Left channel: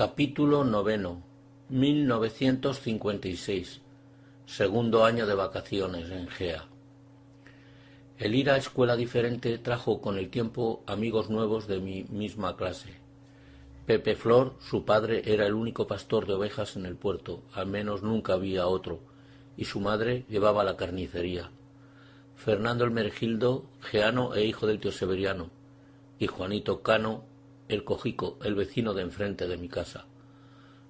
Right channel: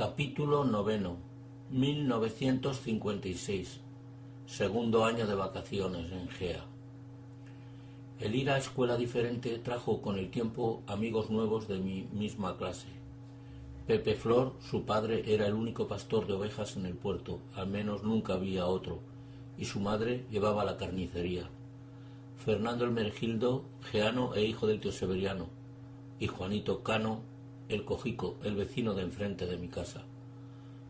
Capítulo noveno, 1956. Segundo año de vacaciones en Gea. El ir a escuela diferente trajo con el tiempo amigos nuevos de mi misma clase. Pepe Flor, su padre, era el único pastor de ovejas en el puerto, al menos nunca había otro, y su madre llevaba la carnicería. Fernando el Mergildo, geano e hijo del tío Severiano, y Juanito Cano, el cojico, el vecino de enfrente de mi casa.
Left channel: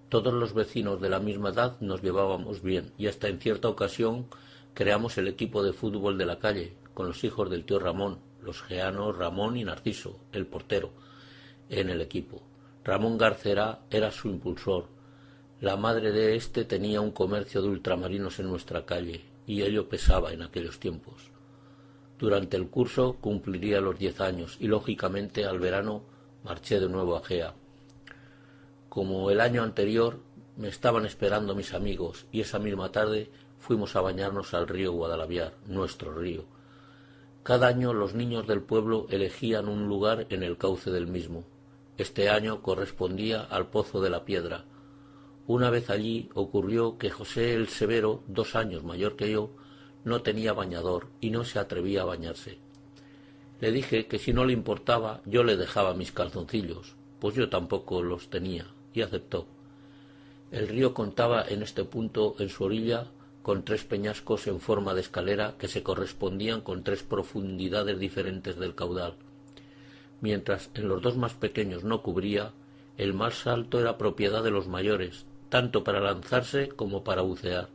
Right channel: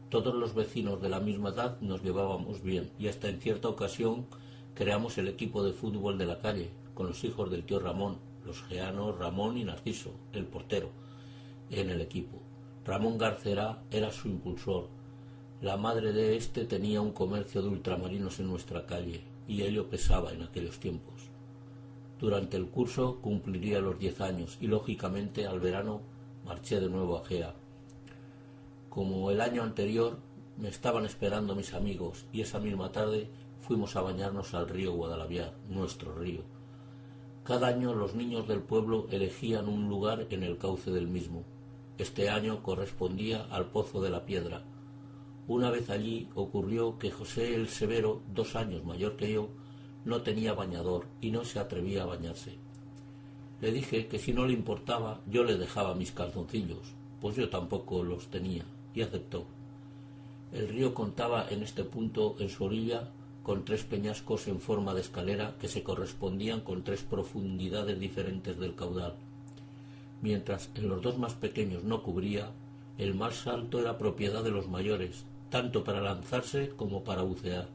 Todos los vecinos de la misma edad nos llevábamos bien y hasta en cierta ocasión creamos el equipo de fútbol de la calle, con los hijos del tío Ramón, los geanos Ramón y Narciso, el portero, en el equipo. Ramón Garcera era su impulsor. La madre de éste tenía un comercio de ultramarinos en nuestra calle y ello pesaba en aquellos tiempos. Durante el curso cumpliría los 10 años y lógicamente al verano marché de nuevo a Gea. Como el año anterior me estaban esperando mis amigos y esa misma tarde fuimos a bañarnos al río Guadalaviar, nuestro río. Cada año los niños del pueblo elegían un lugar en el cauce del mismo. Este año correspondía al Pozo de la Piedra. Una vez allí ocurrió que José el Severo, 2 años mayor que yo, no tenía bañador y no se atrevía a bañarse. Le dije que si no le importaba yo le dejaba mis calzoncillos, pues yo tampoco los tenía, y aceptó. El río contaba en este punto en su orilla con 3 peñascos en forma de escalera que se correspondían con 3 profundidades diferentes del caudal. Mientras en los 2 más pequeños no cubría, el más alto era propiedad de los mayores, tanto para lanzarse como para bucear,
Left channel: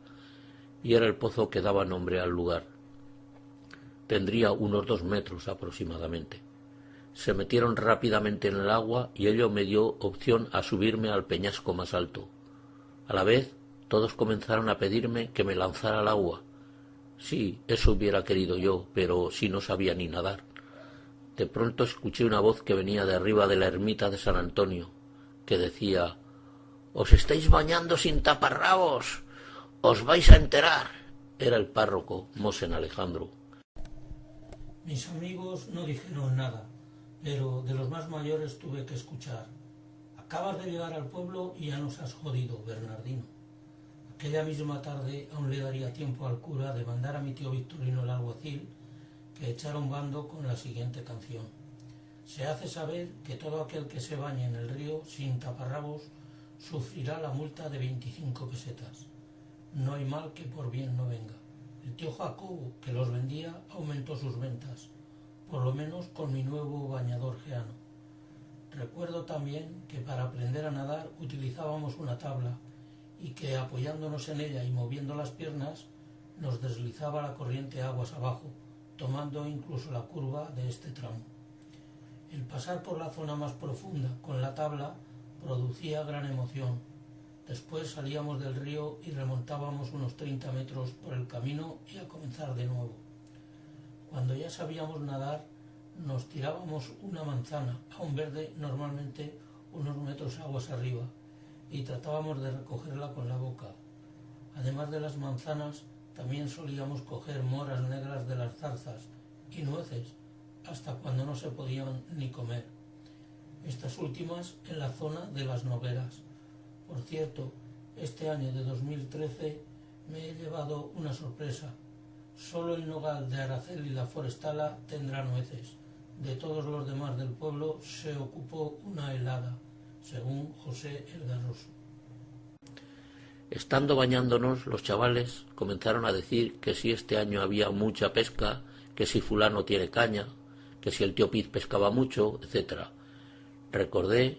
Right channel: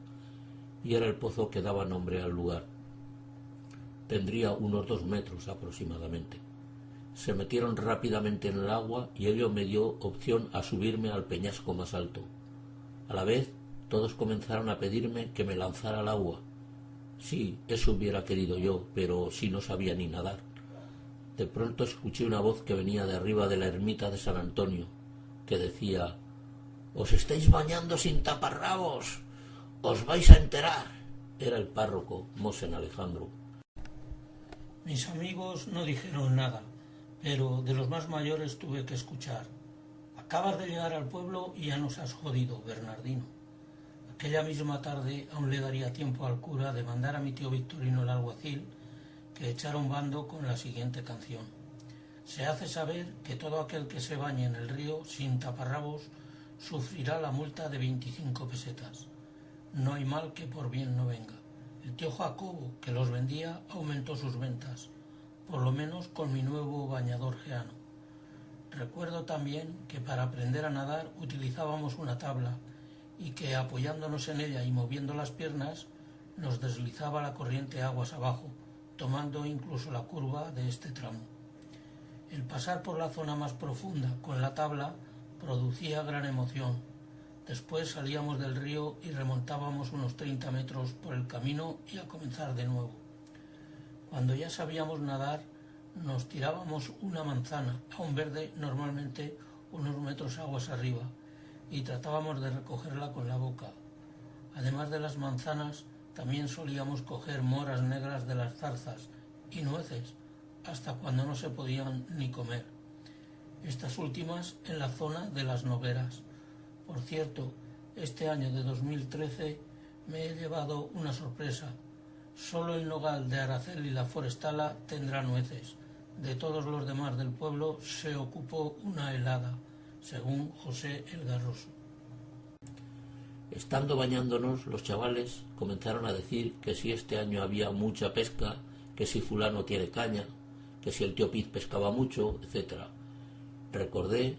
y era el pozo que daba nombre al lugar. Tendría unos 2 metros aproximadamente. Se metieron rápidamente en el agua y ello me dio opción a subirme al peñasco más alto. A la vez, todos comenzaron a pedirme que me lanzara al agua. Sí, eso hubiera querido yo, pero si no sabía ni nadar. De pronto escuché una voz que venía de arriba de la ermita de San Antonio, que decía: «¡Os estáis bañando sin taparrabos! ¡Os vais a enterar!». Era el párroco, Mosén Alejandro. Mis amigos no dijeron nada, pero de los más mayores tuve que escuchar: «Acabas de llegar al pueblo y ya nos has jodido, Bernardino». Aquella misma tarde aún le daría tiempo al cura de mandar a mi tío Victorino el alguacil que echara un bando con la siguiente canción: «Se hace saber que todo aquel que se bañe en el río sin taparrabos sufrirá la multa de 25 pesetas. No hay mal que por bien no venga». El tío Jacobo, que los vendía, aumentó sus ventas, por lo menos con mi nuevo bañador geano. Recuerdo también que para aprender a nadar utilizábamos una tabla y que apoyándonos en ella y moviendo las piernas nos deslizaba la corriente aguas abajo, tomando incluso la curva de este tramo. El pasar por la zona más profunda con la tabla producía gran emoción. Después salíamos del río y remontábamos unos 30 metros por el camino y a comenzar de nuevo. Cuando ya sabíamos nadar, nos tirábamos una manzana, aún verde, normalmente unos metros aguas arriba, y tratábamos de recogerla con la boca. Además de las manzanas, también solíamos coger moras negras de las zarzas y nueces, hasta cuando no se podían ni comer. Estas últimas en la zona de las Nogueras. Por cierto, este año de 2013 me he llevado una sorpresa. Solo el nogal de Aracel y la forestala tendrá nueces. De todos los demás del pueblo se ocupó una helada, según José el Garroso. Estando bañándonos, los chavales comenzaron a decir que si este año había mucha pesca, que si fulano tiene caña, que si el tío Piz pescaba mucho, etc. Recordé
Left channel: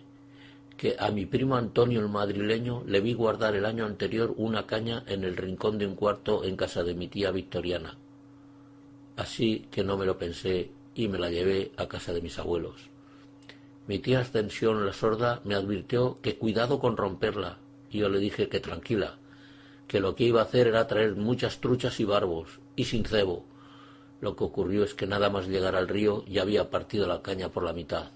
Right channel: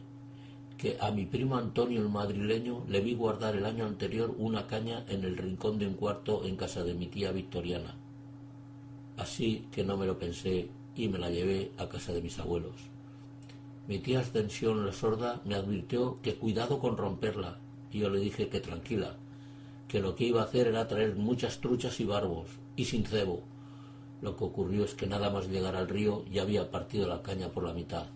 que a mi primo Antonio el madrileño le vi guardar el año anterior una caña en el rincón de un cuarto en casa de mi tía Victoriana. Así que no me lo pensé y me la llevé a casa de mis abuelos. Mi tía Ascensión la sorda me advirtió que cuidado con romperla y yo le dije que tranquila, que lo que iba a hacer era traer muchas truchas y barbos y sin cebo. Lo que ocurrió es que nada más llegar al río ya había partido la caña por la mitad.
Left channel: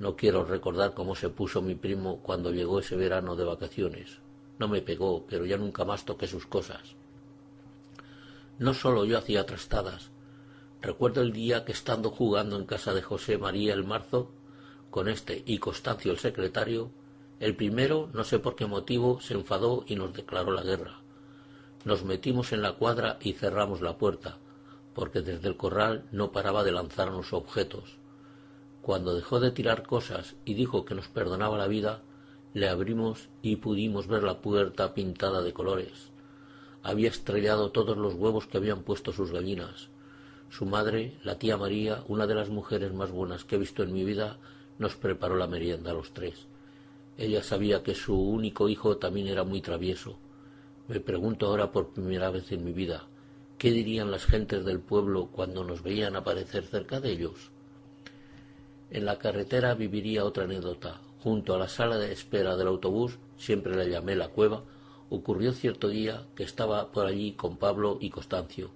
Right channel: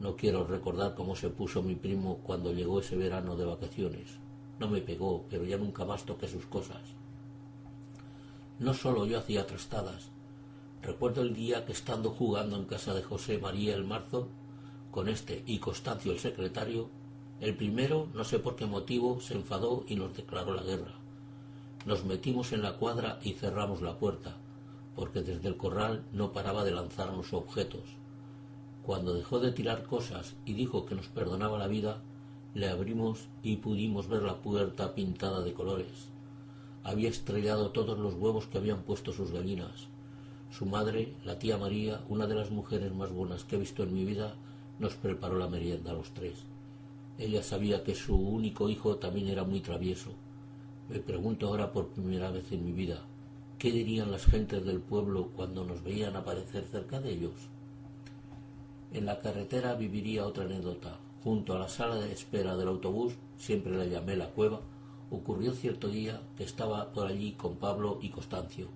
No quiero recordar cómo se puso mi primo cuando llegó ese verano de vacaciones. No me pegó, pero ya nunca más toqué sus cosas. No solo yo hacía trastadas. Recuerdo el día que estando jugando en casa de José María el Marzo, con este y Constancio el secretario, El primero, no sé por qué motivo, se enfadó y nos declaró la guerra. Nos metimos en la cuadra y cerramos la puerta, porque desde el corral no paraba de lanzarnos objetos. Cuando dejó de tirar cosas y dijo que nos perdonaba la vida, le abrimos y pudimos ver la puerta pintada de colores. Había estrellado todos los huevos que habían puesto sus gallinas. Su madre, la tía María, una de las mujeres más buenas que he visto en mi vida, nos preparó la merienda a los tres. Ella sabía que su único hijo también era muy travieso. Me pregunto ahora por primera vez en mi vida, ¿qué dirían las gentes del pueblo cuando nos veían aparecer cerca de ellos? En la carretera viviría otra anécdota. Junto a la sala de espera del autobús, siempre la llamé la cueva, ocurrió cierto día que estaba por allí con Pablo y Constancio.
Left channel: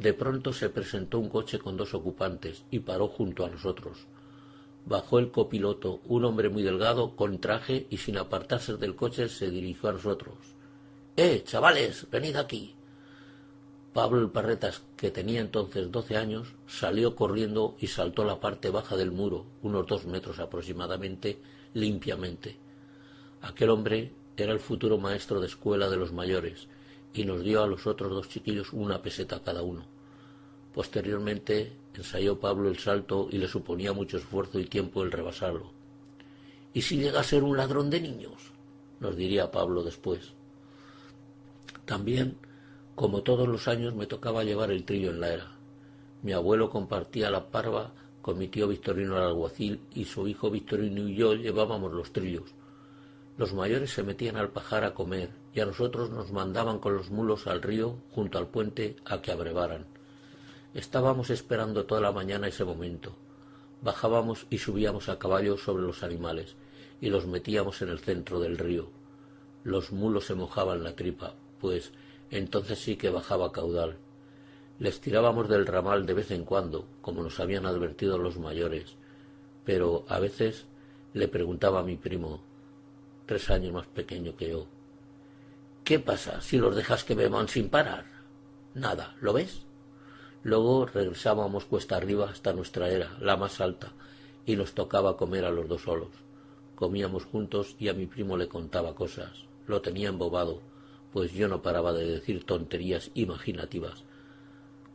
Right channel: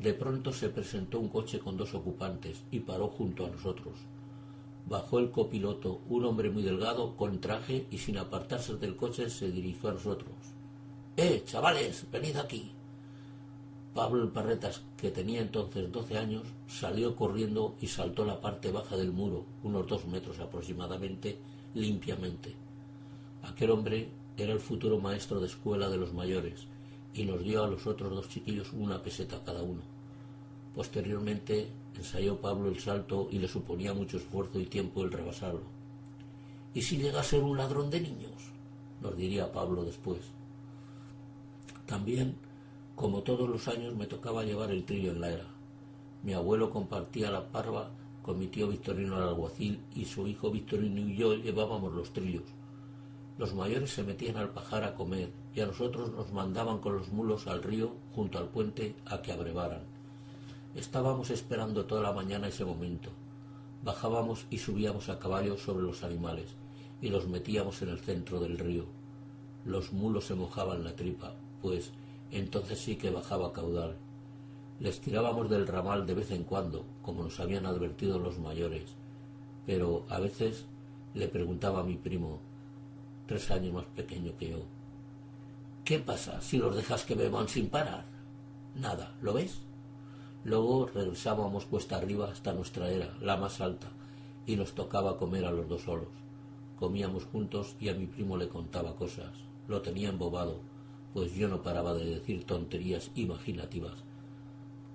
De pronto se presentó un coche con 2 ocupantes y paró junto a nosotros. Bajó el copiloto, un hombre muy delgado, con traje, y sin apartarse del coche se dirigió a nosotros. Chavales, venid aquí. Pablo el Parretas, que tenía entonces 12 años, salió corriendo y saltó la parte baja del muro, unos 2 metros aproximadamente, limpiamente. Aquel hombre era el futuro maestro de escuela de los mayores, y nos dio a los otros 2 chiquillos 1 peseta cada uno. Posteriormente ensayó Pablo el salto y le suponía mucho esfuerzo y tiempo el rebasarlo. ¿Y si llega a ser un ladrón de niños?, nos diría Pablo después. También, como todos los años, me tocaba llevar el trillo en la era. Mi abuelo compartía la parva con mi tío Victorino el alguacil, y su hijo Victorino y yo llevábamos los trillos. Los mayores se metían al pajar a comer y a nosotros nos mandaban con los mulos al río junto al puente a que abrevaran. Estábamos esperando toda la mañana ese momento. Bajábamos y subíamos a caballo sobre los animales y los metíamos en el centro del río. Los mulos se mojaban la tripa, pues entonces sí que bajaba caudal. Les tirábamos del ramal de vez en cuando, como nos habían advertido los mayores, pero a veces le preguntaba a mi primo, 3 años más pequeño que yo, ¿qué pasa si los dejas que beban sin parar? Nada, ¿lo ves? Luego regresábamos cuesta arriba hasta nuestra era, la más alta, y nos tocaba comer a los 2 solos. Comíamos juntos y a mi primo le contaba cosas. Lo tenía embobado, pues yo no paraba de decir tonterías imaginativas.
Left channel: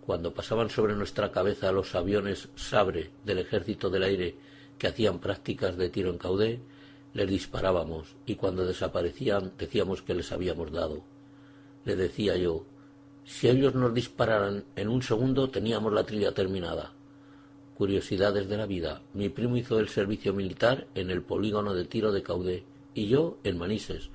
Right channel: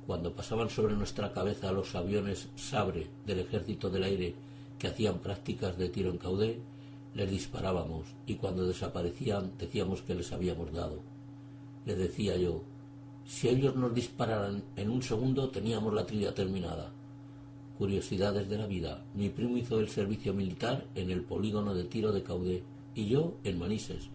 Cuando pasaban sobre nuestra cabeza los aviones Sabre del Ejército del Aire que hacían prácticas de tiro en caudé, les disparábamos, y cuando desaparecían decíamos que les habíamos dado. Le decía yo, si ellos nos dispararan en 1 segundo teníamos la trilla terminada. Curiosidades de la vida. Mi primo hizo el servicio militar en el polígono de tiro de caudé y yo en Manises,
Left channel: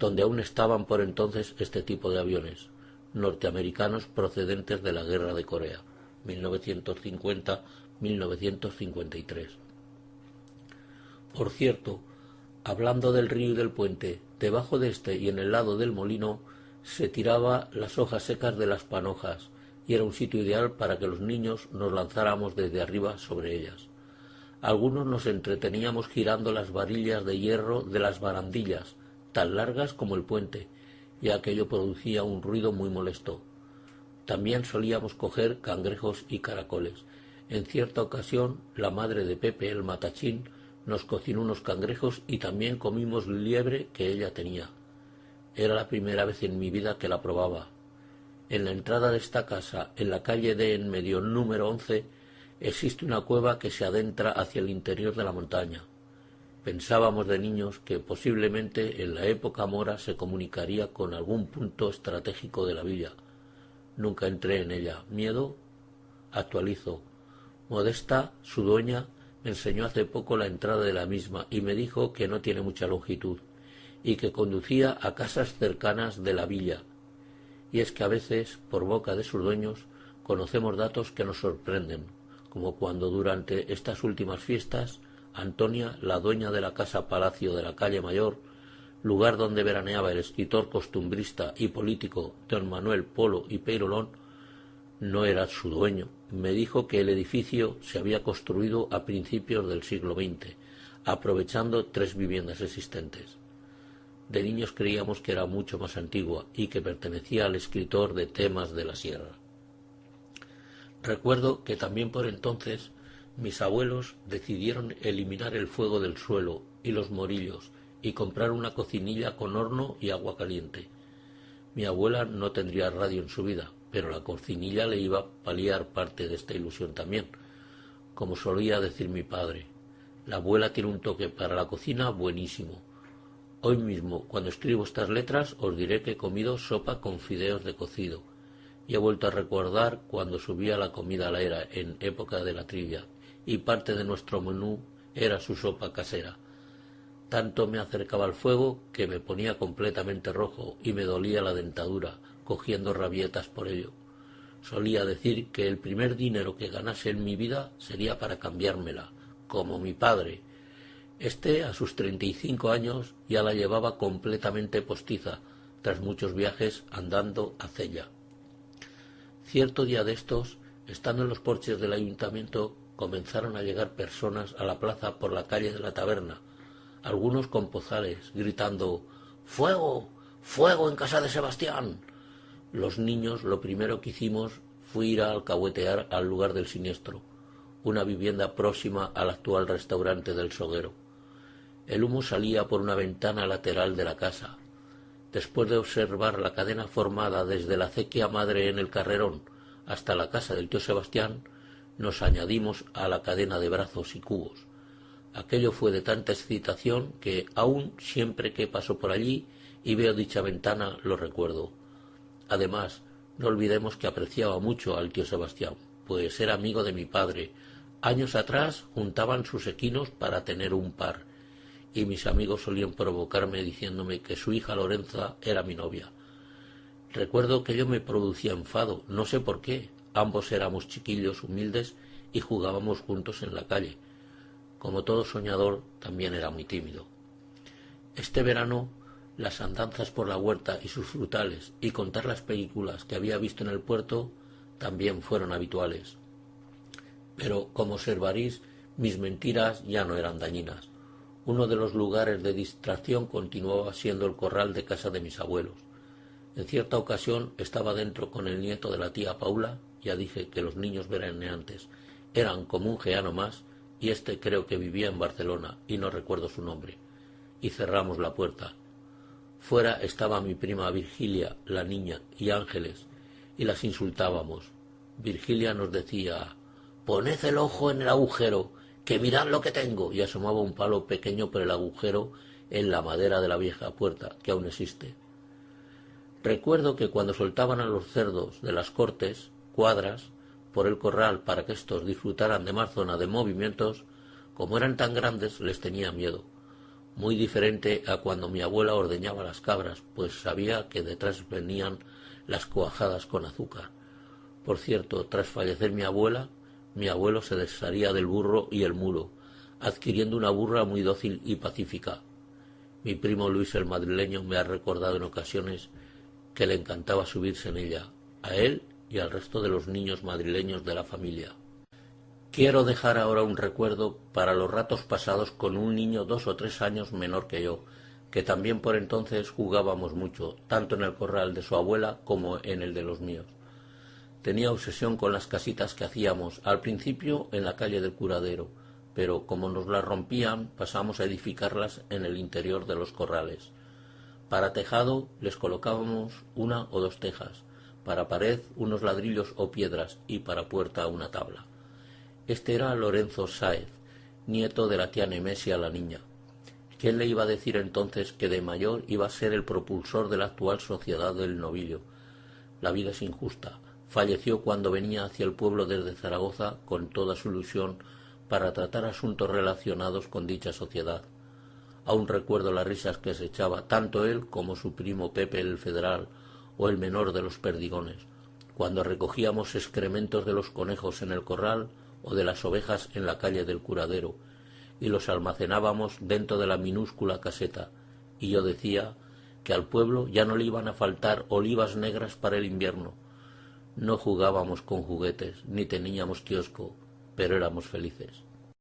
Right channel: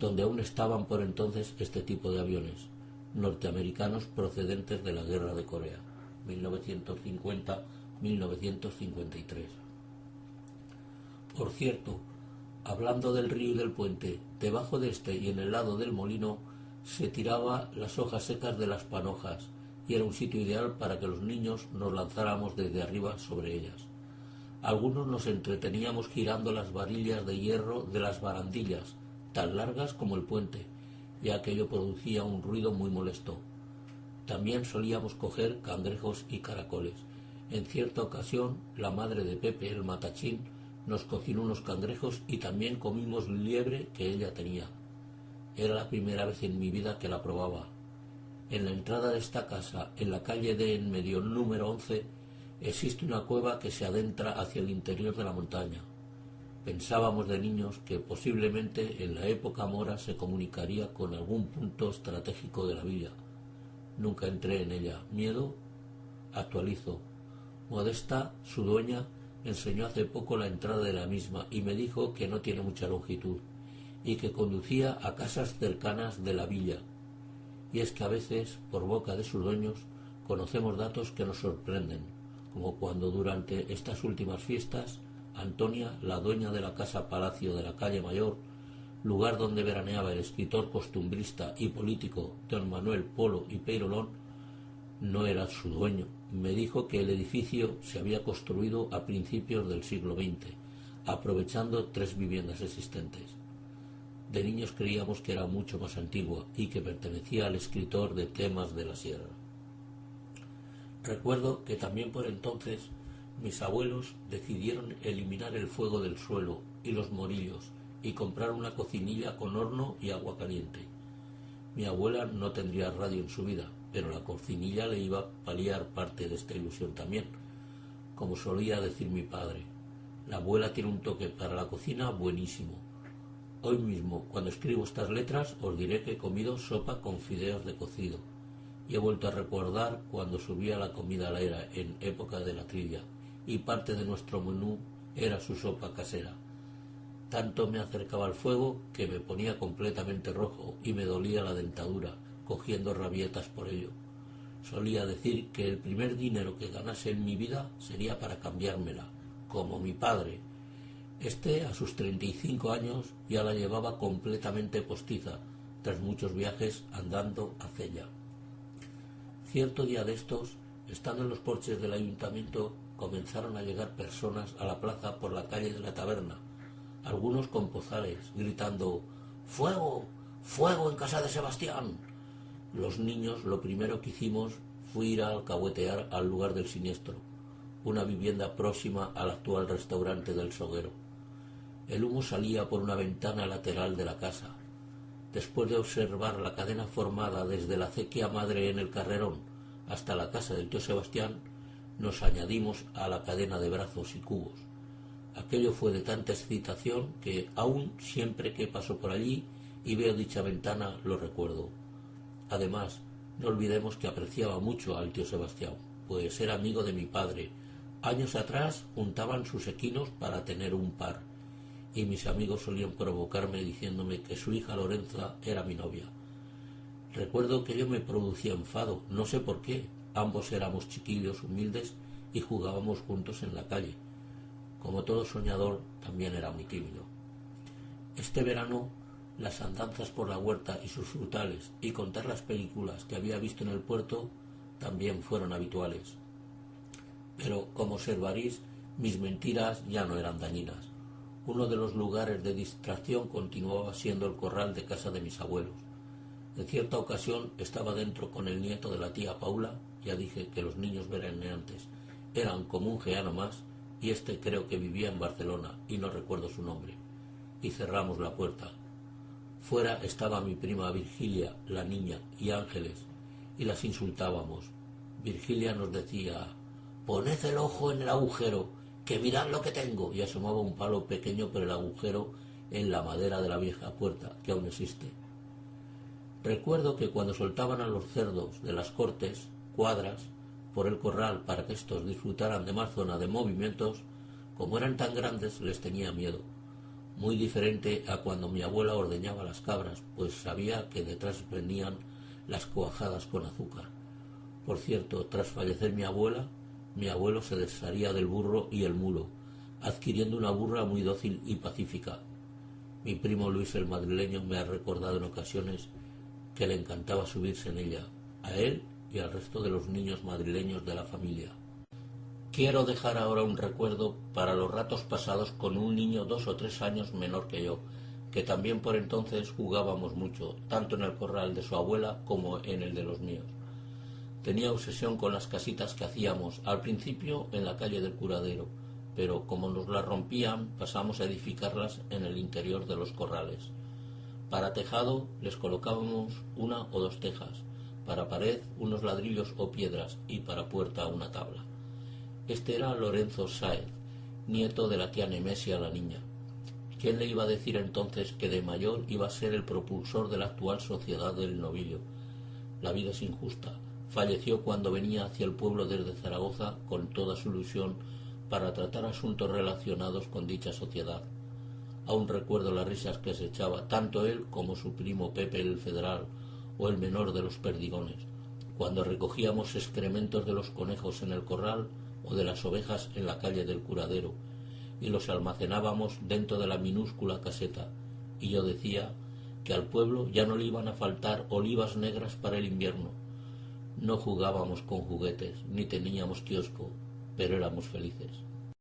donde aún estaban por entonces este tipo de aviones norteamericanos procedentes de la Guerra de Corea, 1950-1953. Por cierto, hablando del río y del puente, debajo de este y en el lado del molino se tiraba las hojas secas de las panojas y era un sitio ideal para que los niños nos lanzáramos desde arriba sobre ellas. Algunos nos entreteníamos girando las varillas de hierro de las barandillas, tan largas como el puente, y aquello producía un ruido muy molesto. También solíamos coger cangrejos y caracoles. En cierta ocasión, la madre de Pepe, el matachín, nos cocinó unos cangrejos y también comimos liebre que ella tenía. Era la primera vez en mi vida que la probaba. En la entrada de esta casa, en la calle de en medio número 11, existe una cueva que se adentra hacia el interior de la montaña. Pensábamos de niños que posiblemente en la época mora se comunicaría con algún punto estratégico de la villa. Nunca entré en ella. ¿Miedo? Actualizo. Modesta, su dueña, me enseñó hace poco la entrada de la misma y me dijo que no tiene mucha longitud y que conducía a casas cercanas de la villa. Y es que a veces, por boca de sus dueños, conocemos datos que nos sorprenden, como cuando durante estas últimas fiestas Antonia, la dueña de la casa Palacio de la calle Mayor, lugar donde veraneaba el escritor costumbrista y político don Manuel Polo y Peirolón, no era su dueño. Me dijo que el edificio se había construido a principios del siglo XX, aprovechando 3 viviendas existentes. De niños creíamos que era mucho más antigua y que pertenecía al escritor de Temas de la Sierra. Recuerdo que también por entonces mis abuelos decidieron eliminar el fuego del suelo y los morillos y comprar una cocinilla con horno y agua caliente. Mi abuela no tendría radio en su vida, pero la cocinilla le iba a paliar parte de esta ilusión también. Como solía decir mi padre, la abuela tiene un toque para la cocina buenísimo. Hoy mismo, cuando escribo estas letras, os diré que he comido sopa con fideos de cocido. Y he vuelto a recordar cuando subía la comida a la era en época de la trivia, y parte de nuestro menú era su sopa casera. Tanto me acercaba al fuego que me ponía completamente rojo y me dolía la dentadura, cogiendo rabietas por ello. Solía decir que el primer dinero que ganase en mi vida sería para cambiármela, como mi padre. A sus 35 años, ya la llevaba completamente postiza, tras muchos viajes andando a Cella. Cierto día de estos, estando en los porches del ayuntamiento, comenzaron a llegar personas a la plaza por la calle de la taberna, algunos con pozales, gritando «¡Fuego! ¡Fuego en casa de Sebastián!». Los niños lo primero que hicimos fue ir a alcahuetear al lugar del siniestro, una vivienda próxima al actual restaurante del Soguero. El humo salía por una ventana lateral de la casa. Después de observar la cadena formada desde la acequia madre en el Carrerón hasta la casa del tío Sebastián, nos añadimos a la cadena de brazos y cubos. Aquello fue de tanta excitación que aún siempre que paso por allí y veo dicha ventana lo recuerdo. Además, no olvidemos que apreciaba mucho al tío Sebastián, pues era amigo de mi padre. Años atrás juntaban sus equinos para tener un par, y mis amigos solían provocarme diciéndome que su hija Lorenza era mi novia. Recuerdo que ello me producía enfado, no sé por qué. Ambos éramos chiquillos humildes y jugábamos juntos en la calle. Como todo soñador, también era muy tímido. Este verano, las andanzas por la huerta y sus frutales y contar las películas que había visto en el puerto también fueron habituales. Pero, como observaréis, mis mentiras ya no eran dañinas. Uno de los lugares de distracción continuaba siendo el corral de casa de mis abuelos. En cierta ocasión estaba dentro con el nieto de la tía Paula. Ya dije que los niños veraneantes eran como un geano más, y creo que vivía en Barcelona y no recuerdo su nombre. Y cerramos la puerta. Fuera estaba mi prima Virgilia, la niña, y Ángeles, y las insultábamos. Virgilia nos decía: «Poned el ojo en el agujero, que mirad lo que tengo», y asomaba un palo pequeño por el agujero en la madera de la vieja puerta, que aún existe. Recuerdo que cuando soltaban a los cerdos de las cortes, cuadras, por el corral para que éstos disfrutaran de más zona de movimientos, como eran tan grandes les tenía miedo. Muy diferente a cuando mi abuela ordeñaba las cabras, pues sabía que detrás venían las cuajadas con azúcar. Por cierto, tras fallecer mi abuela, mi abuelo se desharía del burro y el mulo, adquiriendo una burra muy dócil y pacífica. Mi primo Luis el madrileño me ha recordado en ocasiones que le encantaba subirse en ella, a él y al resto de los niños madrileños de la familia. Quiero dejar ahora un recuerdo para los ratos pasados con un niño 2 o 3 años menor que yo, que también por entonces jugábamos mucho, tanto en el corral de su abuela como en el de los míos. Tenía obsesión con las casitas que hacíamos, al principio en la calle del Curadero, pero como nos las rompían, pasamos a edificarlas en el interior de los corrales. Para tejado les colocábamos 1 o 2 tejas, para pared unos ladrillos o piedras y para puerta una tabla. Era Lorenzo Sáez, nieto de la tía Nemesia la niña. ¿Quién le iba a decir entonces que de mayor iba a ser el propulsor de la actual sociedad del novillo? La vida es injusta. Falleció cuando venía hacia el pueblo desde Zaragoza con toda su ilusión para tratar asuntos relacionados con dicha sociedad. Aún recuerdo las risas que se echaba tanto él como su primo Pepe el Federal o el menor de los Perdigones, cuando recogíamos excrementos de los conejos en el corral o de las ovejas en la calle del Curadero, y los almacenábamos dentro de la minúscula caseta, y yo decía que al pueblo ya no le iban a faltar olivas negras para el invierno. No jugábamos con juguetes, ni teníamos kiosco, pero éramos felices.